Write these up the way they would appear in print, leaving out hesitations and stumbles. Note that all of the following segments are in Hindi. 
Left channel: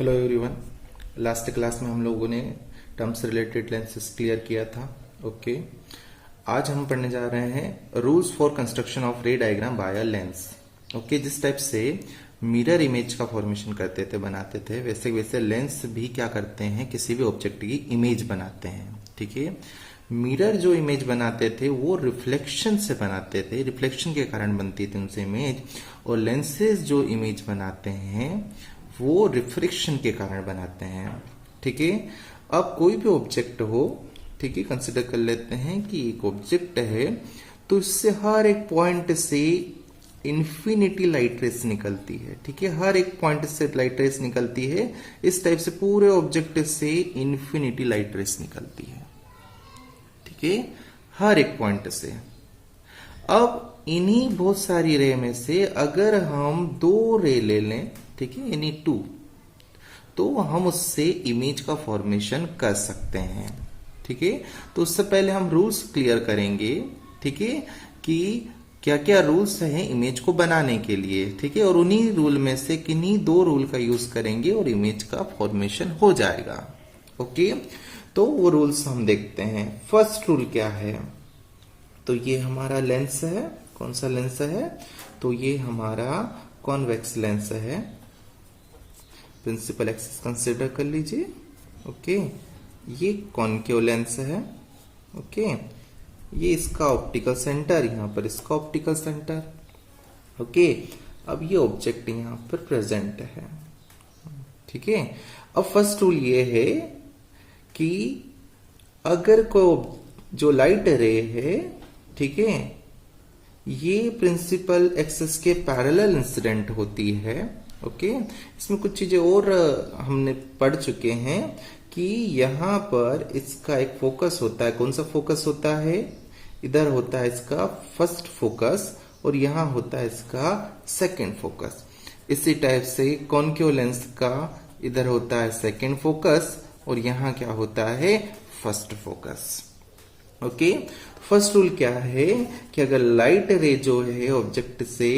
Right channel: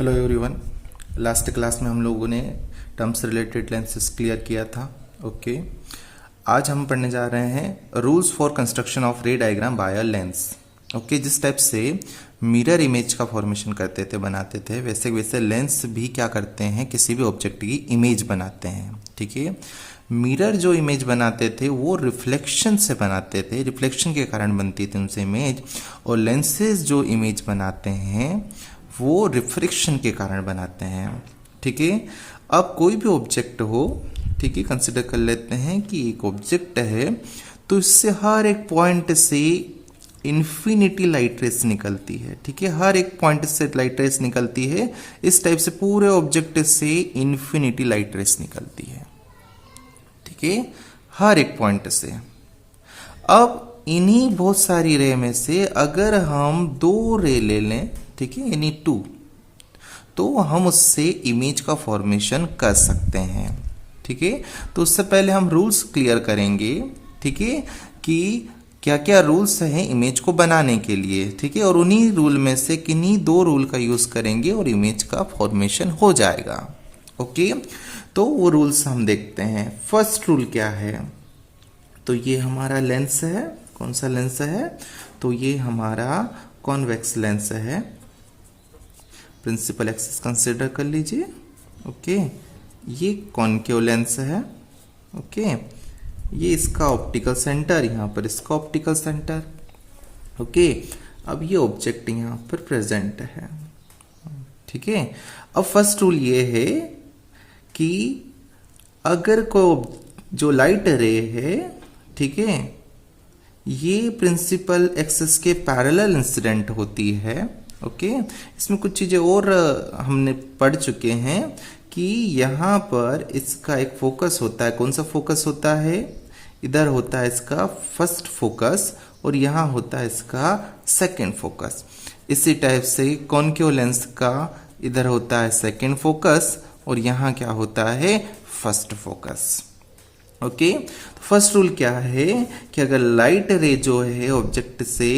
Hello everyone. लास्ट क्लास में हम लोगों ने टर्म्स रिलेटेड लेंसेज क्लियर किया था। ओके, आज हम पढ़ने जा रहे हैं rules for construction of ray diagram by a lens. Okay, जिस टाइप से मिरर इमेज का फॉर्मेशन करते थे, बनाते थे, वैसे वैसे लेंस भी क्या करते हैं, किसी भी ऑब्जेक्ट की इमेज बनाते हैं। ठीक है, मिरर जो इमेज बनाते थे वो रिफ्लेक्शन से बनाते थे, रिफ्लेक्शन के कारण बनती थी उनसे इमेज। और लेंसेज जो इमेज बनाते हैं वो रिफ्रैक्शन के कारण बनाते हैं। ठीक है, अब कोई भी ऑब्जेक्ट हो, ठीक है, कंसिडर कर लेते हैं कि एक ऑब्जेक्ट है, तो इससे हर एक पॉइंट से इन्फिनिटी लाइट रेस निकलती है। ठीक है, हर एक पॉइंट से लाइट रेस निकलती है। इस टाइप से पूरे ऑब्जेक्ट से इन्फिनिटी लाइट रेस निकलती है। ठीक है, हर एक पॉइंट से। अब इन्हीं बहुत सारी रे में से अगर हम दो रे ले लें, ठीक है, यानी टू, तो हम उससे इमेज का फॉर्मेशन कर सकते हैं। ठीक है, तो उससे पहले हम रूल्स क्लियर करेंगे। ठीक है, कि क्या क्या रूल्स हैं इमेज को बनाने के लिए। ठीक है, और उन्हीं रूल में से किन्हीं दो रूल का यूज करेंगे और इमेज का फॉर्मेशन हो जाएगा। ओके, तो वो रूल्स हम देखते हैं। फर्स्ट रूल क्या है, तो ये हमारा लेंस है। कौन सा लेंस है, तो ये हमारा कॉन्वेक्स लेंस है। प्रिंसिपल एक्सिस कंसिडर कर लीजिए। ओके, ये कॉन्केव लेंस है। ओके, ये इसका ऑप्टिकल सेंटर, यहां पर इसका ऑप्टिकल सेंटर। ओके, अब ये ऑब्जेक्ट यहां पर प्रेजेंट है। ठीक है, अब फर्स्ट रूल ये है कि अगर को जो लाइट रे है, ठीक है, ये प्रिंसिपल एक्सिस के पैरेलल इंसिडेंट होती है। ओके, इसमें कुछ चीजें और हमने पढ़ चुके हैं कि यहां पर इसका एक फोकस होता है। कौन सा फोकस होता है, इधर होता है इसका फर्स्ट फोकस और यहां होता है इसका सेकंड फोकस। इसी टाइप से कॉन्केव लेंस का इधर होता है सेकंड फोकस और यहां क्या होता है, first focus. Okay, first rule क्या है कि अगर लाइट रे जो है ऑब्जेक्ट से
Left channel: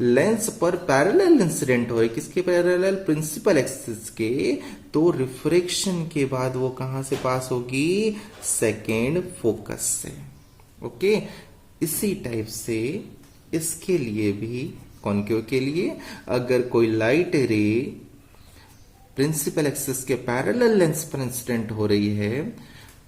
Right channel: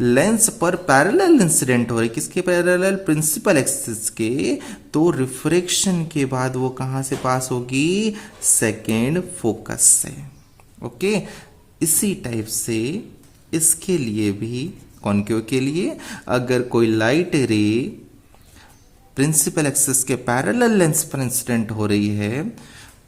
लेंस पर पैरेलल इंसिडेंट हो रही, किसके पैरेलल, प्रिंसिपल एक्सिस के, तो रिफ्रैक्शन के बाद वो कहां से पास होगी, सेकेंड फोकस से। ओके, इसी टाइप से इसके लिए भी, कॉन्केव के लिए, अगर कोई लाइट रे प्रिंसिपल एक्सिस के पैरेलल लेंस पर इंसिडेंट हो रही है,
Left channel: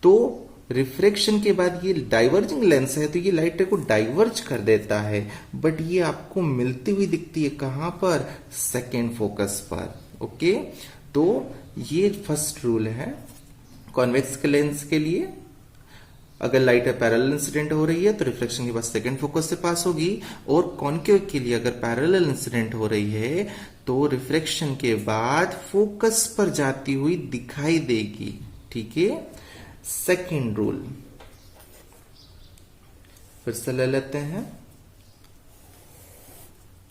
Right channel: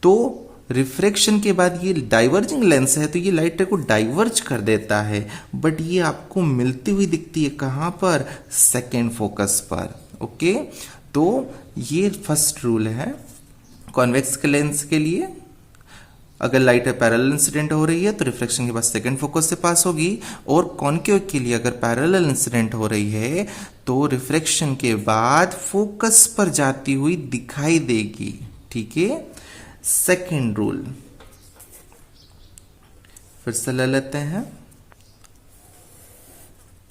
तो रिफ्रैक्शन के बाद ये डाइवर्जिंग लेंस है, तो ये लाइट रे को डाइवर्ज कर देता है, बट ये आपको मिलती हुई दिखती है कहां पर, सेकेंड फोकस पर। ओके, तो ये फर्स्ट रूल है कॉन्वेक्स के लेंस के लिए। अगर लाइट पैरेलल इंसिडेंट हो रही है तो रिफ्लेक्शन के बाद सेकेंड फोकस से पास होगी, और कॉन्केव के लिए अगर पैरेलल इंसिडेंट हो रही है तो रिफ्लेक्शन के बाद फोकस पर जाती हुई दिखाई देगी। ठीक है, सेकेंड रूल फिर से ले लेते हैं।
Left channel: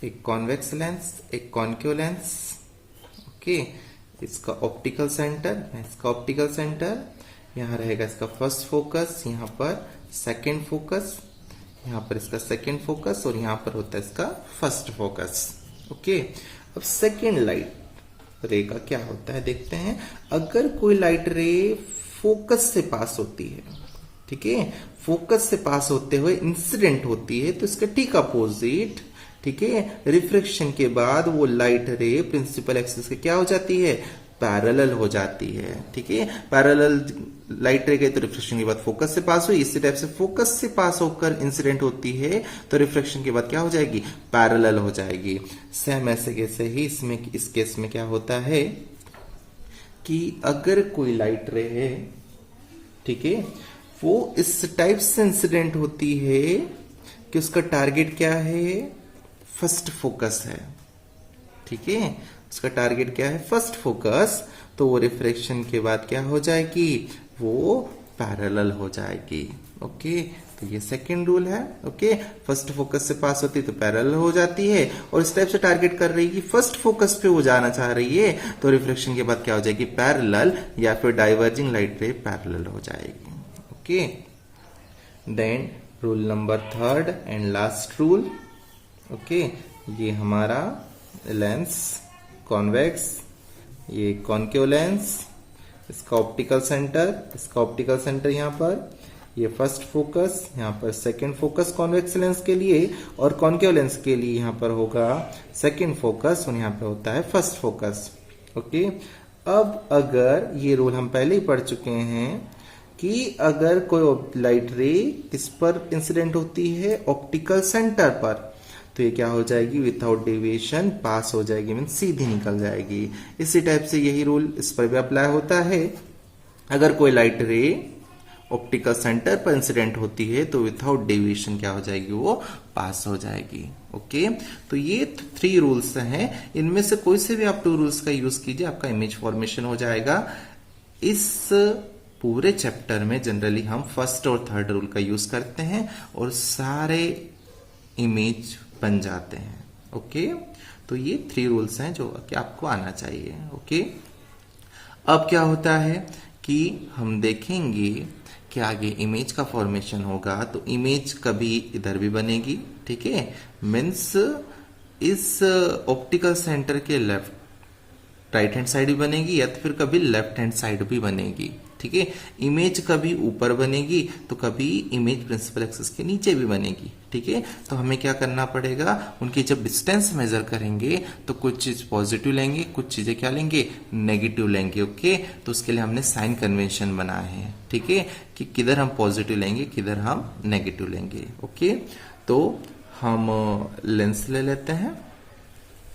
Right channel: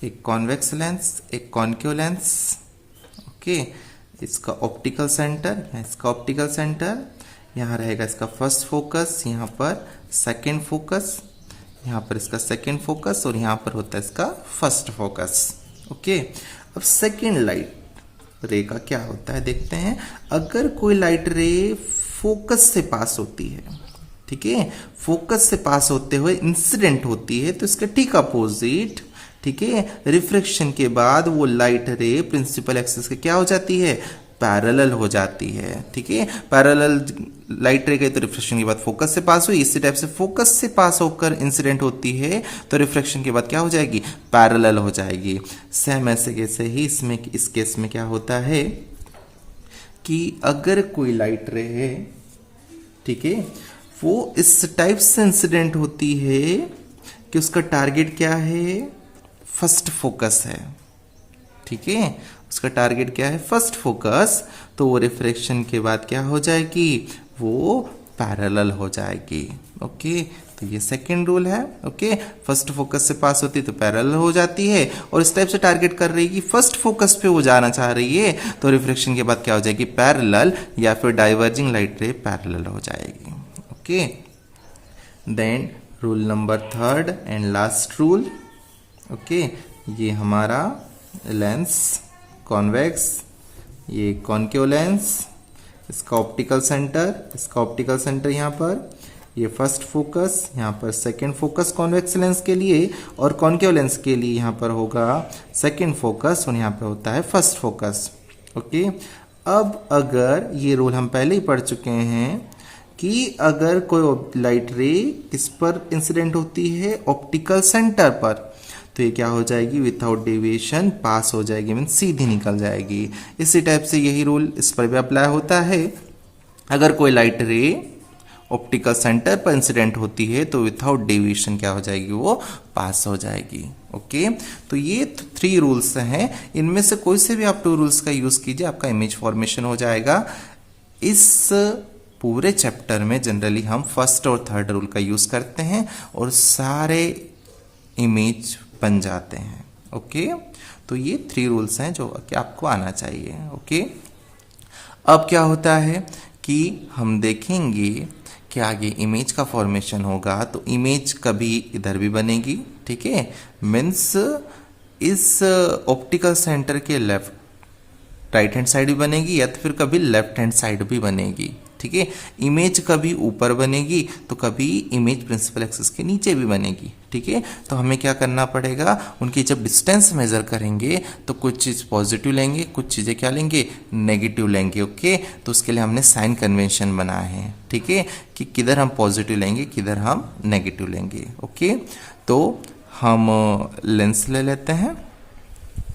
एक कॉन्वेक्स लेंस, एक कॉन्केव लेंस। ओके, इसका ऑप्टिकल सेंटर, इसका ऑप्टिकल सेंटर, यहां रहेगा इसका फर्स्ट फोकस, यहां पर सेकेंड फोकस, यहां पर इसका सेकेंड फोकस और यहां पर होता है इसका फर्स्ट फोकस। ओके, अब सेकेंड लाइट रे का क्या होता है देखते हैं। अगर कोई लाइट रे फोकस से पास होती है, ठीक है, फोकस से पास होते हुए इंसिडेंट होती है, तो इसके ठीक अपोजिट, ठीक है, रिफ्लेक्शन के बाद वो लाइट रे प्रिंसिपल एक्सिस के क्या हो जाती है, पैरेलल हो जाती है। ठीक है, पैरेलल लाइट रे गई तो रिफ्लेक्शन के बाद फोकस से पास हुई, इसी टाइप से फोकस से पास होकर इंसिडेंट होती है तो रिफ्लेक्शन के बाद क्या हो जाएगी, पैरेलल हो जाएगी। सेम ऐसे कैसे ही इसमें, इस केस में क्या होता है कि अगर कोई लाइट रे है, ठीक है, वो इस टाइप से इंसिडेंट होती है कि उसका टारगेट क्या है, फर्स्ट फोकस है। ठीक है, उसका टारगेट क्या है, फर्स्ट फोकस, तो वो रिफ्रैक्शन के बाद क्या हो जाएगी, वो पैरेलल हो जाएगी। ओके, तो ये सेकंड रूल है। ओके, फर्स्ट फोकस से पास होती है तो पैरेलल हो जाती है, और इस टाइप से टारगेट कर रही है कि फर्स्ट फोकस पे वो जाना चाह रही है, तो रिफ्लेक्शन के बाद क्या हो जाएगी, पैरेलल, या फिर डाइवर्जिंग लाइट रे पैरेलल हो जाएगी। Okay, then rule number third and last rule. Okay, ये हमारा लेंस कॉन्वेक्स ये कॉनकेव लेंस, इसका ऑप्टिकल सेंटर यहाँ पर, ये फर्स्ट फोकस, यहाँ पर सेकंड फोकस कॉन्वेक्स लेंस के लिए, और कॉनकेव लेंस के लिए यहाँ पर होगा सेकंड फोकस और यहाँ पर होता है फर्स्ट फोकस। ओके, अब अगर ये रूल हम पहले ही पढ़ चुके हैं कि अगर कोई लाइट रे किस पर इंसिडेंट होती है, ऑप्टिकल सेंटर पर, तो ये क्या हो जाएगी, विदाउट डेविएशन पास हो जाएगी, मीन सीधी निकल जाएगी। इसी टाइप से यही रूल इस पर भी अप्लाई होता है। अगर कोई लाइट रे ऑप्टिकल सेंटर पर इंसिडेंट होती है तो विदाउट डेविएशन क्या हो जाएगी, वो पास हो जाएगी। ओके, तो ये 3 रूल्स हैं, इनमें से कोई से भी आप 2 रूल्स का यूज कीजिए, आपका इमेज फॉर्मेशन हो जाएगा। इस पूरे चैप्टर में जनरली हम फर्स्ट और थर्ड रूल का यूज करते हैं और सारे इमेज बन जाते हैं। ओके, तो ये 3 रूल्स हैं जो कि आपको आना चाहिए। ओके, अब क्या होता है कि हम देखेंगे कि आगे इमेज का फॉर्मेशन होगा, तो इमेज कभी इधर भी बनेगी, ठीक है, मीन्स इस ऑप्टिकल सेंटर के राइट हैंड साइड भी बनेगी या तो फिर कभी लेफ्ट हैंड साइड भी बनेगी, ठीक है। इमेज कभी ऊपर बनेगी तो कभी इमेज प्रिंसिपल एक्सिस के नीचे भी बनेगी, ठीक है। तो हमें क्या करना पड़ेगा, उनकी जब डिस्टेंस मेजर करेंगे तो कुछ चीज पॉजिटिव लेंगे, कुछ चीजें क्या लेंगे, नेगेटिव लेंगे। ओके, तो उसके लिए हमने साइन कन्वेंशन बनाए हैं, ठीक है, कि किधर हम पॉजिटिव लेंगे, किधर हम नेगेटिव लेंगे। ओके, तो हम लेंस ले लेते हैं।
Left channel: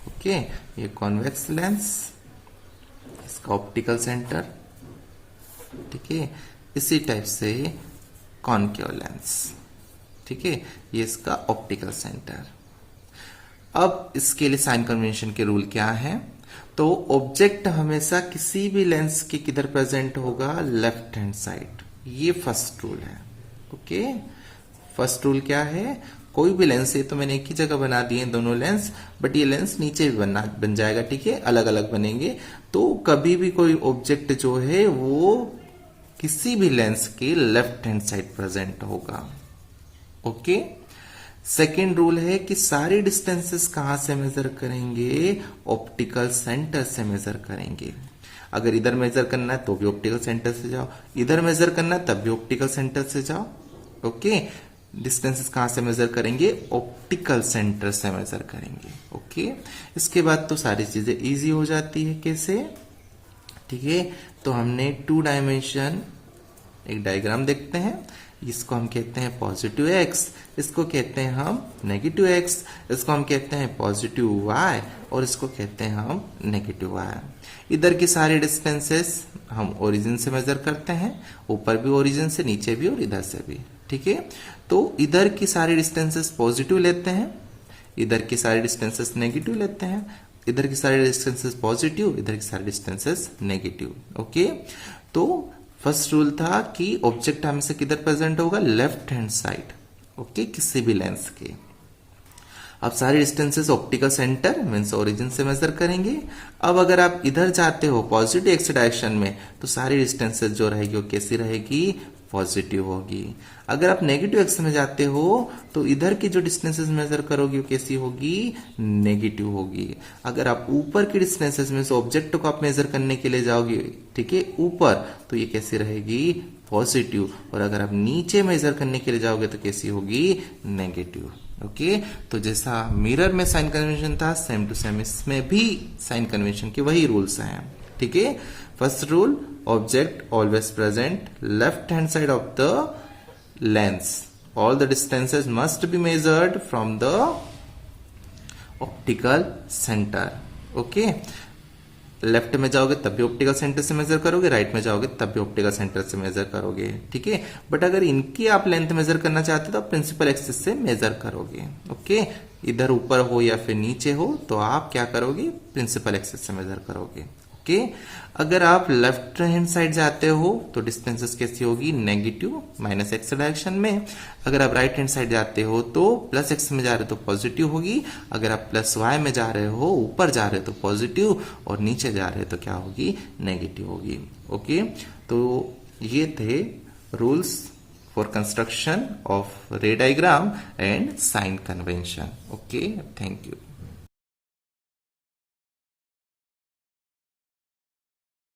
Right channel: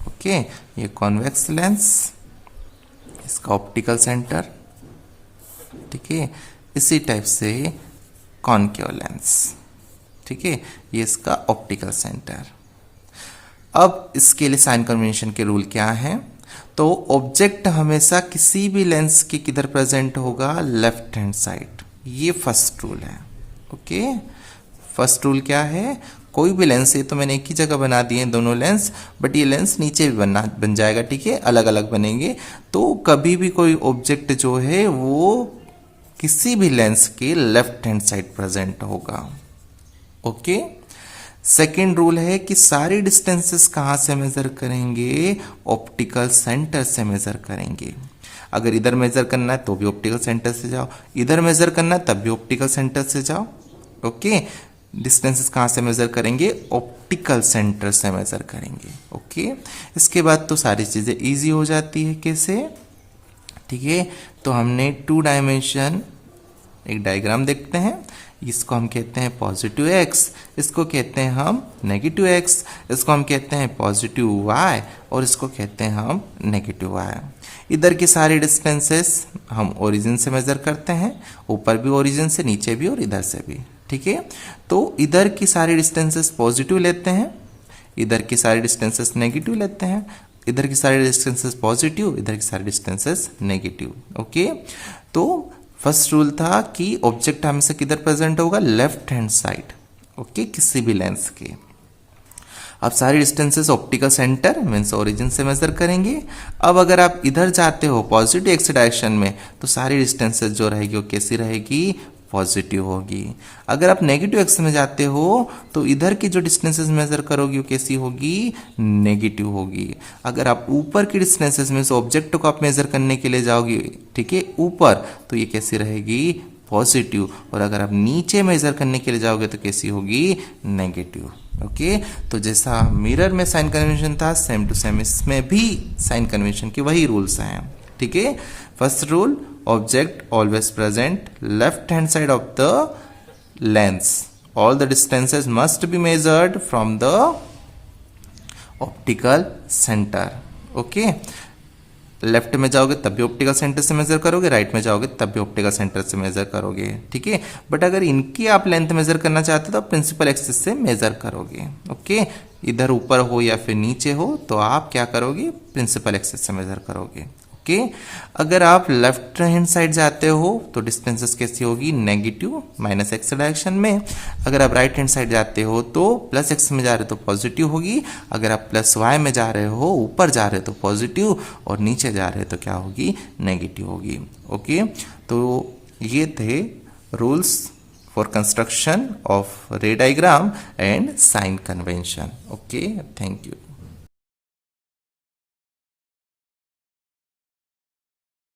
ओके, ये कॉन्वेक्स लेंस, इसका ऑप्टिकल सेंटर, ठीक है, इसी टाइप से कॉनकेव लेंस, ठीक है, ये इसका ऑप्टिकल सेंटर। अब इसके लिए साइन कन्वेंशन के रूल क्या है, तो ऑब्जेक्ट हमेशा किसी भी लेंस के किधर प्रेजेंट होगा, लेफ्ट हैंड साइड, ये फर्स्ट रूल है। ओके, फर्स्ट रूल क्या है, कोई भी लेंस, ये तो मैंने एक ही जगह बना दिए दोनों लेंस, बट ये लेंस नीचे भी बन जाएगा, ठीक है, अलग अलग बनेंगे। तो कभी भी कोई ऑब्जेक्ट जो है वो किसी भी लेंस के लेफ्ट हैंड साइड प्रेजेंट होगा। ओके, सेकेंड रूल है कि सारी डिस्टेंसेस कहां से मेजर करेंगे, ऑप्टिकल सेंटर से मेजर करेंगे। अगर इधर मेजर करना है तो भी ऑप्टिकल सेंटर से जाओ, इधर मेजर करना है तब भी ऑप्टिकल सेंटर से जाओ। ओके, डिस्टेंसेस कहां से मेजर करेंगे, ऑप्टिकल सेंटर से मेजर करेंगे। ओके, इसके बाद तो सारी चीजें इजी हो जाती है। कैसे, ठीक है, तो हमने 2 डायमेंशन एक डायग्राम देखते हैं, इसको हम कहते हैं पॉजिटिव एक्स, इसको कहते हैं हम नेगेटिव एक्स, इसको हम कहते हैं पॉजिटिव वाई और इसको कहते हैं हम नेगेटिव वाई। इधर की सारी डिस्टेंसेस हम ओरिजिन से मेजर करते हैं, ऊपर भी ओरिजिन से, नीचे भी और इधर से भी, ठीक है। तो इधर की सारी डिस्टेंसेस पॉजिटिव लेते हैं, इधर की सारी डिस्टेंसेस नेगेटिव लेते हैं, इधर की सारी डिस्टेंसेस पॉजिटिव, इधर की सारी डिस्टेंसेस नेगेटिव। ओके, तो फर्स्ट रूल था कि ऑब्जेक्ट हमसे किधर प्रेजेंट होगा, लेफ्ट हैंड साइड, ओके, किसी भी लेंस के। अब सारी distances optical centre means origin से मेजर करेंगे। अब अगर आप इधर जाते हो पॉजिटिव एक्स डायरेक्शन में तो सारी डिस्टेंसेस जो रहेगी वो कैसी रहेगी, पॉजिटिव होगी। अगर आप नेगेटिव एक्स में जाते हो तो इधर की जो डिस्टेंसेस मेजर करोगे वो कैसी होगी, नेगेटिव होगी। अगर आप ऊपर की डिस्टेंसेस में से ऑब्जेक्ट को आप मेजर करने के लिए जाओगे, ठीक है, ऊपर, तो ये कैसी रहेगी, पॉजिटिव। और अगर आप नीचे मेजर करने के लिए जाओगे तो कैसी होगी, नेगेटिव। ओके, तो जैसा मिरर में साइन कन्वेंशन था, सेम टू सेम इसमें भी साइन कन्वेंशन के वही रूल्स हैं, ठीक है। First rule, object always present left hand side of the lens, all the distances must be measured from the optical center. Okay, left में जाओगे तब भी ऑप्टिकल सेंटर से मेजर करोगे, राइट में जाओगे तब भी ऑप्टिकल सेंटर से मेजर करोगे, ठीक है। बट अगर इनकी आप लेंथ मेजर करना चाहते हो तो आप प्रिंसिपल एक्सिस से मेजर करोगे। ओके, इधर ऊपर हो या फिर नीचे हो तो आप क्या करोगे, प्रिंसिपल एक्सिस से मेजर करोगे। ओके, अगर आप लेफ्ट हैंड साइड जाते हो तो डिस्टेंसेस कैसी होगी, नेगेटिव, माइनस एक्स डायरेक्शन में। अगर आप राइट हैंड साइड जाते हो तो प्लस एक्स में जा रहे हो तो पॉजिटिव होगी। अगर आप प्लस वाई में जा रहे हो, ऊपर जा रहे हो तो पॉजिटिव, और नीचे जा रहे हो तो क्या होगी, नेगेटिव होगी। ओके, तो ये थे rules for construction of ray diagram and sign convention. Okay, thank you.